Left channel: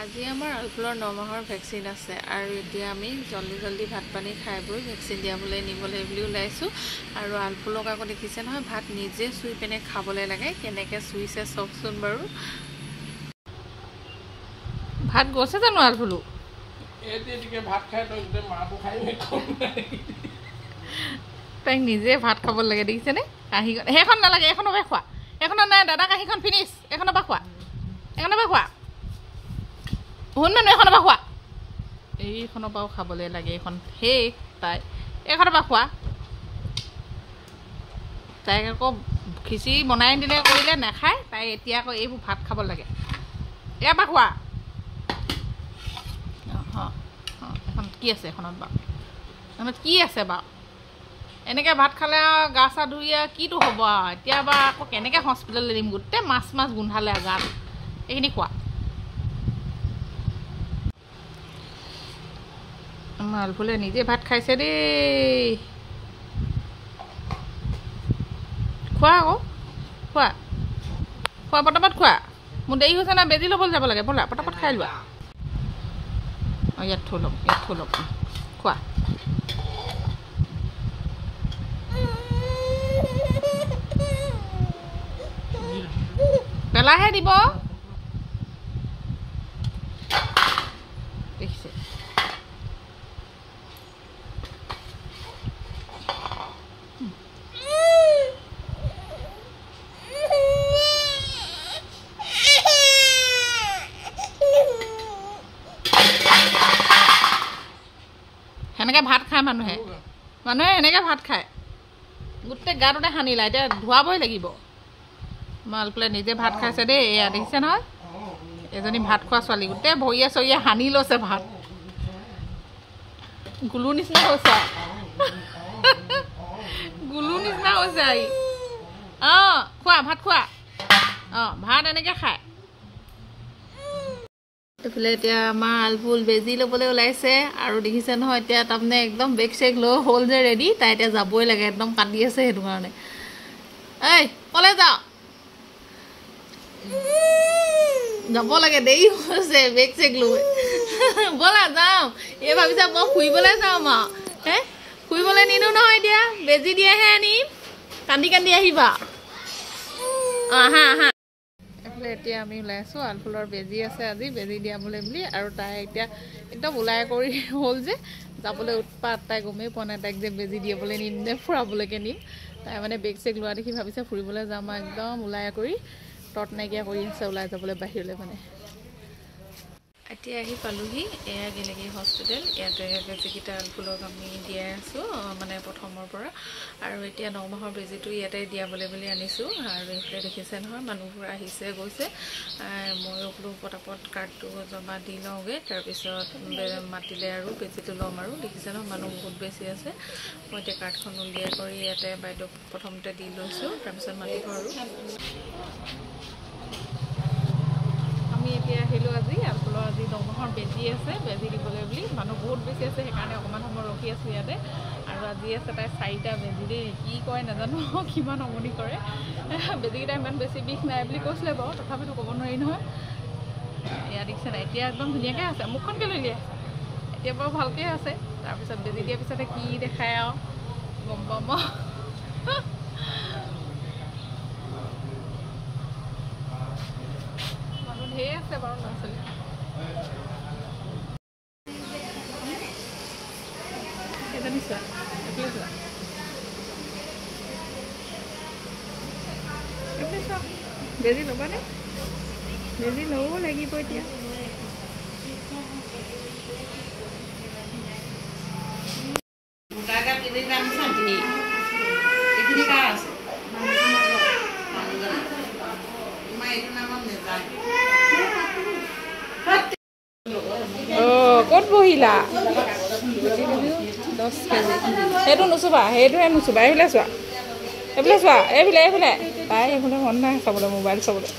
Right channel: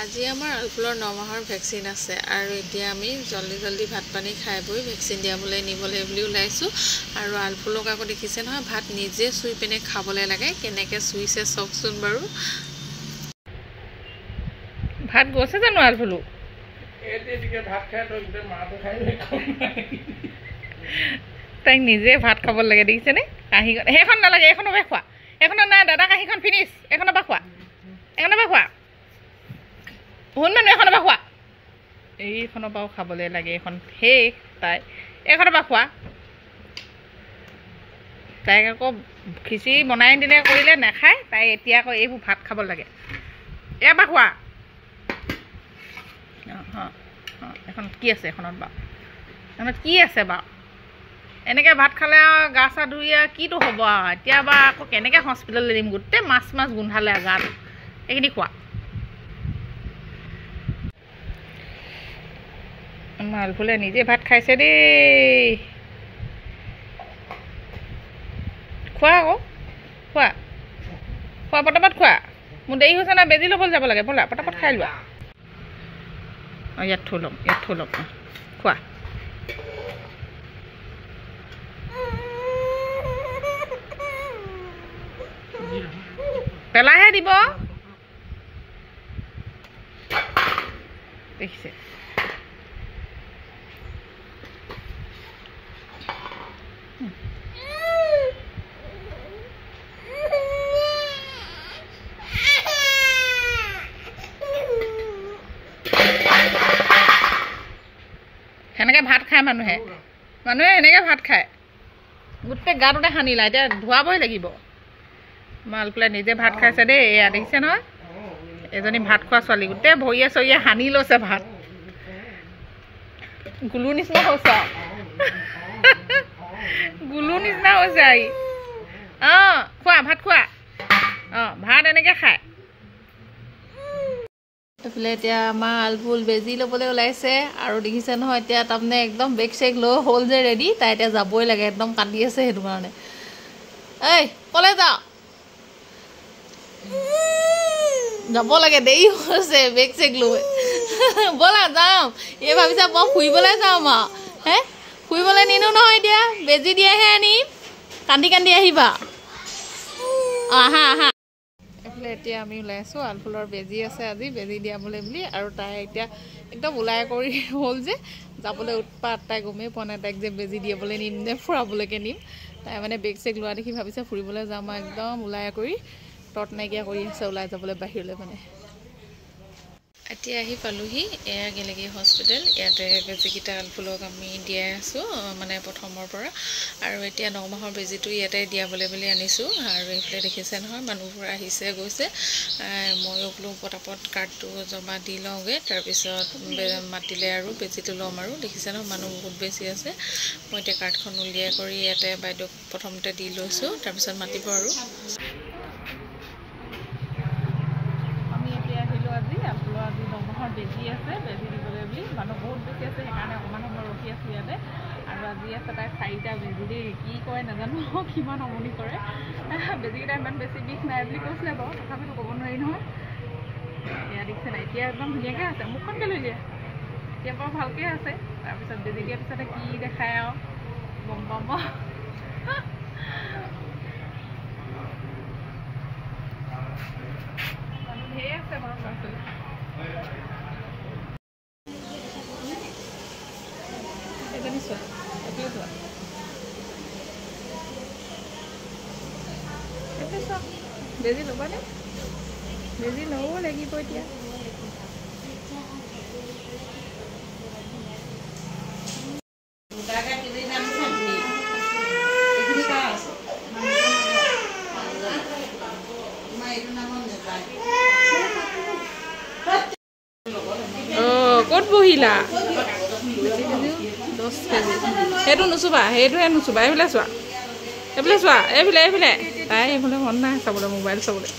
আজি আমাৰ আলফুলৰ 9 মাহৰ ভেকচিন আছে আৰু এতিয়া আমি জলদি ভাত পানী খাই বৈ ভেকচিন দিয়াবলৈ নিবলৈ বুলি ওলাইছোঁ আৰু আলফুলক আকৌ দেখিছে নহয় ভাত নিজে চুই পিনে খাবলৈ লাগে কেনেকৈ চুইছে চাওকচোন বাৰু ভাত গৈছে জানো আলফুলু তাইক নিজে ভাত খাব লাগে দেখিছেনে কাঁহীখন সেইখন নালাগে এইখনৰ পৰা খোৱা এইখনৰ নাই দাদা কাঁহীখন ফিনিছ এইখনৰ পৰা খোৱা শুন মানুহ এখনৰ পৰা খোৱা এইখনৰ পৰাও খাবলৈ লাগে এইখন সেই তাই এইখনৰ পৰা খোৱা তাইক আকৌ খিচিৰি বনাই দিলে কৰিলে নাখায় তাই এতিয়া আকৌ এইবোৰ ভাত খাব লাগে ইয়াৰ পৰা খোৱা এখন কি আছে এখনত বাৰু এখনত কি আছে বাৰু এনেকৈ ভাত খালে আৰু গা চা ধুই কিটো হ'ব আৰু এতিয়া বা আকৌ কেনেকৈ হস্পিটেললৈ দিম গোটেই মাছ গোন্ধালে গাটো এইখিনি খোৱা আলফুলে নিজে ভাত খাইছে দেই খোৱা আকৌ খোৱা পটাপট খোৱা মোৰ দেৰি হৈছে না বেজি ল'বলৈ যাব লাগে ব'লা পটাপট খাই লোৱা অঁ ইয়াত থৈ ল'ম খোৱা পেলাইহে দিব দেখিছে সেনেকৈ ভাত খায় মানুহে সেনেকৈ ভাত খায় গোটেই গাটোতে সানিলা এতিয়া ধোৱাবই লাগিব আলফুলে নিজে ভাত খাইছে দেই এয়া দেখিছে নহয় এজনী ভাত খোৱা ছোৱালী গোটেই ভৰিয়ে চৰিয়ে সানি লৈছে ভাত গুলুৰ নিচিনা হৈছে আই অঁ খোৱা ভাত খোৱা অঁ ভাত এনেকৈ খায় এইফালে এতিয়া আমাৰ আলফুল বেজি ল'বলৈ ওলাইছে আৰু দেখিছে নহয় এতিয়া তাৰমানে একদম বেগ চেগ লৈ হ'ল যে ৰেডি তাই এতিয়া যাবই লাগে একদম কান্দি আছে সেইটো কাৰণে এই ক'লৈ যাওঁ যাব লাগে দেৰি হৈছে বেগ চেগ লৈ ব'লা যাওঁ এই ভাবিছা মই ফুৰিবলৈ যাওঁ হে ফুৰিবলৈ নিনো নহয় এতিয়া বেজি দিয়াহে আনিম কান্দি আহিবা আহা এইফালে এতিয়া আমি ওলাই আছোঁ আলফুলৰ বেজি আছে আজি বেজি দিয়াবলৈ বুলি আৰু তাই এতিয়া একদম ওলাই কৰি হ'ল যে যাবলৈ উৎপাত তাই গমেই পোৱা নাই তাইক যে বেজি দিয়াবলৈ নিম নে ফুৰাবলৈকে নিম তাই মানে বেগ চেগ লোৱা দেখি ভাবিছে ফুৰিবলৈ যাম একদম ওলাই কৰি তত নাইকিয়া কৰি আছে ওলাই যাবলৈ বাহিৰলৈ মানে এতিয়া আহি পালোহি এয়া গেলেগী হস্পিটেল ইয়াতে বেজীকেইটা আলফুলক আমি দিয়াই আছোঁ মানে প্ৰথমৰ পৰা আৰু এতিয়া 9 মাহৰ বেজীটো ইয়াতে দিয়াবলৈ বুলি আনিছোঁ আৰু এইফালে দেখিছে নহয় মানুহবোৰ আহিছে গৈছে ময়ো বোলো পটাপট কাৰ্ডটো জমা দি লওঁগৈ তাৰপিছত মাতিলে আৰু বেজীটো ল'ম আৰু দেখিছে নহয় মানুহ বহুত বেছি আছে মই এতিয়া কাৰ্ডখন উলিয়াই কৰি ইয়াতে বাইদেউক প্ৰথমতে দি লৈছোঁ তাৰপিছত মাতিব আৰু আহিলোঁ আজি আলফুলৰ আজি 9 মাহৰ বেজি আছে বেজি দিবলৈ বুলি মানুহ বহুত বেছি আছে সেইকাৰণে অকণমান সময় ৰখি আছোঁ ইয়াতে আৰু আজি আছে তাই 4টা বেজি দেই কি কয় নাজানো কিমান আমনি কৰে বেজীকেইটা ইমান বেছি বিষ নাই বুলি কৈছিলে বাৰু তথাপিতো ক'ব নোৱাৰি নহয় এয়া দেখিছে নাই এতিয়া একদম ধুনীয়াকৈ আছে মুখখনকৈ লৈ আছে এতিয়া বাৰু ভালকৈ আছে তাৰপিছত বেজি দিয়াৰ পিছতে কি দেখায় আৰু গম পাম ধেৰ আছে বাৰু ল'ৰা ছোৱালী এজনী চোৱা এইফালে চোৱা এইফালে চোৱা বেজি ল'বানে বেজি ল'ব লাগিব এতিয়া ক'ত বহিলা 10 কেজি সেইটো নুচুবা সেইটোহে নুচুবা এইফালে চোৱা এইফালে তাই এইফালে মন নাই চাবলৈ মোবাইল চাবলৈ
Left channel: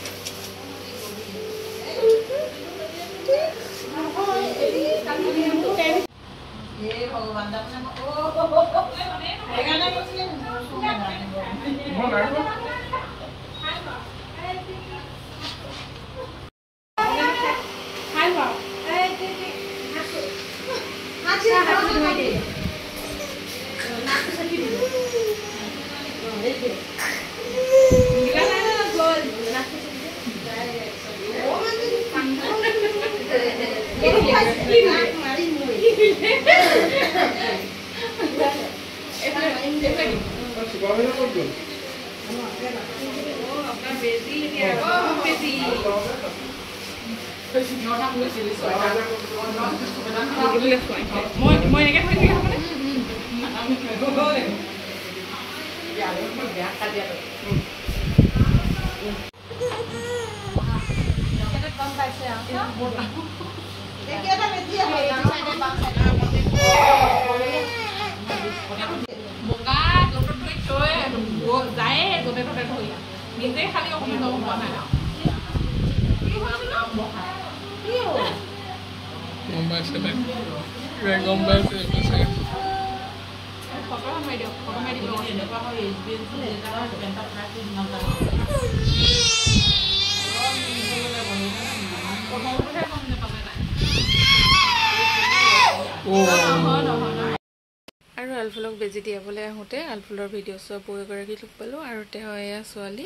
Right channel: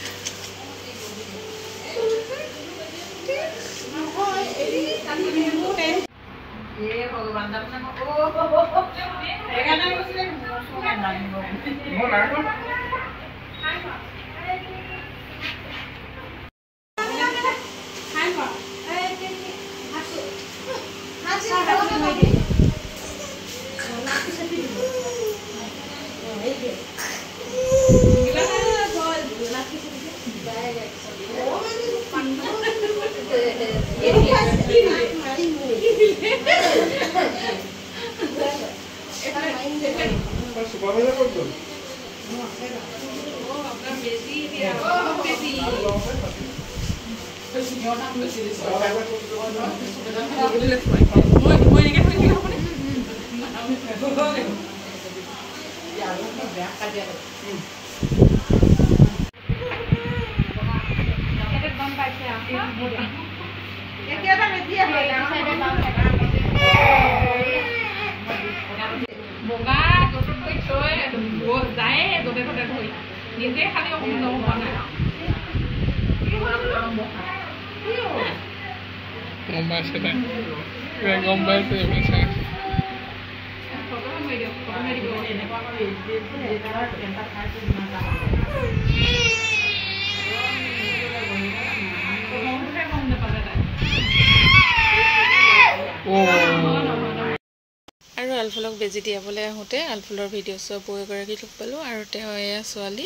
আৰু আলফুলক বেজি দিয়াবলৈ আহোঁতে আলফুলৰ ভিডিঅ' চোৱা বৌ এগৰাকী লগ পালোঁ আৰু তেওঁ এয়া ছোৱালী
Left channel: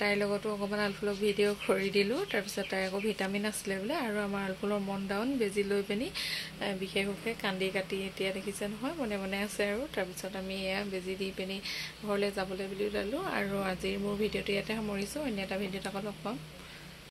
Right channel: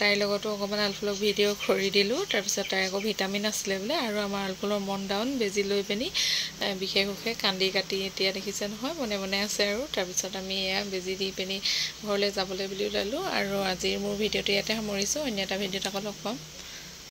তাইৰ লগতো অকণমান আলফুলক ভিডিঅ' খৰি দিলোঁ। তাৰপিছত তাইৰ আকৌ ভিটামিন আছিলে বোলে আৰু আমাৰ আলফুলৰ মন ডাউন বেজি লৈ পিনি বিশেষকৈ কান্দি কাটি এতিয়া দেখিছে নহয় মনে মনে আছে আৰু তাৰপিছত আমি এয়া বেজি দি পিনি ঘৰলৈ যাবলৈ বুলি ওলালোঁ আৰু আজিৰ মোৰ ভিডিঅ'টো ইয়াতে সামৰিছোঁ। অন্য এটা ভিডিঅ'ত আকৌ লগ পাম।